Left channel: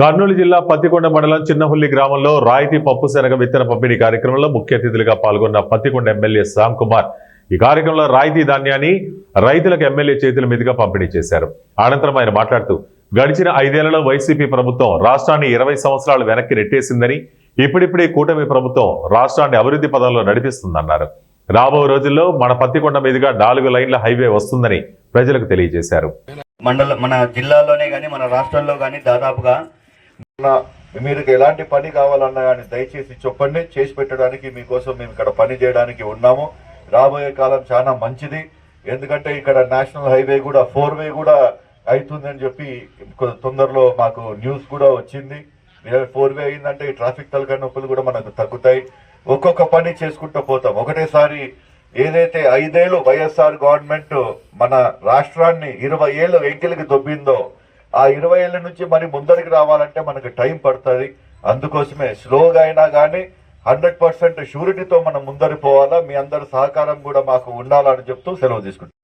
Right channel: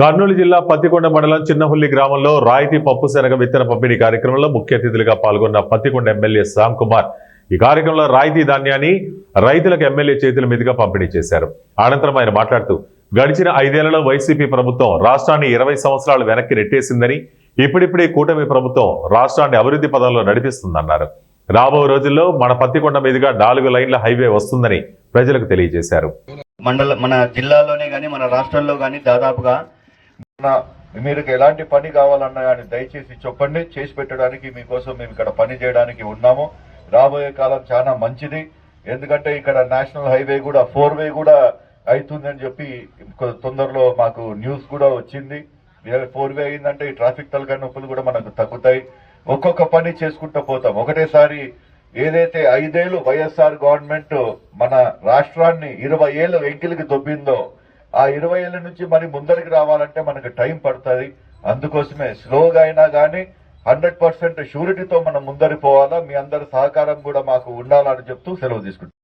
కర్నూలు జిల్లా పత్తికొండ మండలం చిన్నహుల్లి గ్రామంలో రాయితీ పప్పు శనగ విత్తన పంపిణీ కార్యక్రమంలో ముఖ్య అతిథులుగా పాల్గొన్న పత్తికొండ ఎమ్మెల్యే శ్యామ్ కుమార్ ఈ కార్యక్రమంలో రాయితీ ధాన్యాన్ని రైతులకు ఎమ్మెల్యే చేతుల మీదుగా పంపిణీ చేశారు. అనంతరం ఆయన మాట్లాడుతూ గడిచిన 5 ఏళ్లలో వైసీపీ ప్రభుత్వం రాష్ట్రాన్ని 20 సంవత్సరాలు వెనక్కి నెట్టేసిందని, ఇప్పుడిప్పుడే కూటమి ప్రభుత్వం రాష్ట్రాన్ని అభివృద్ధి పదంలో నడిపిస్తుందన్నారు. రాబో రోజుల్లో మన పత్తికొండ మీదుగా 4 లైన్ల హైవే వస్తుందని ప్రజలకు తెలియజేశారు. మన జిల్లాలోనే కానీ మన రాష్ట్రంలో కానీ దాదాపుగా మీరు ఎలాంటి పని కావాలన్నా కానీ దయచేసి చెప్పండి, చేసి పెట్టడానికి మీకోసం మేము ఇక్కడ పని చేయడానికి ఉన్నాము. రాబోయే కాలం చాలా మంచిది. ఎందుకంటే ఇక్కడ నేషనల్ హైవే కూడా 4-వే కూడా అవుతుందని చెప్పి తొందరలో మాకు న్యూస్ కూడా వచ్చింది. 4-వే అయిందంటే ఈ ట్రాఫిక్ తలకాయ నొప్పులు కూడా మనకు తగ్గుతాయి. ఒక్కొక్క పని చేసుకుంటూ పోతాం. ఒకటేసారి ఏదైతే 5 ఏళ్ళు వైఎస్ఆర్ గవర్నమెంట్ మన రాష్ట్రాన్ని 20 ఏళ్ళు వెంకెలికి దొబ్బిందో, ఆ 20 ఏళ్ళ నుంచి మరి ముందరికి రావాలంటే మనకు టైం పడుతుంది. అందుకోసమే స్లోగా అయినా కానీ 100% షూరిటీతో మనం ముందరికి పోవాలా. మీ అందరి సహకారం కూడా మాకు ఉండాలని చెప్తూ సెలవు తీసుకుంటాం.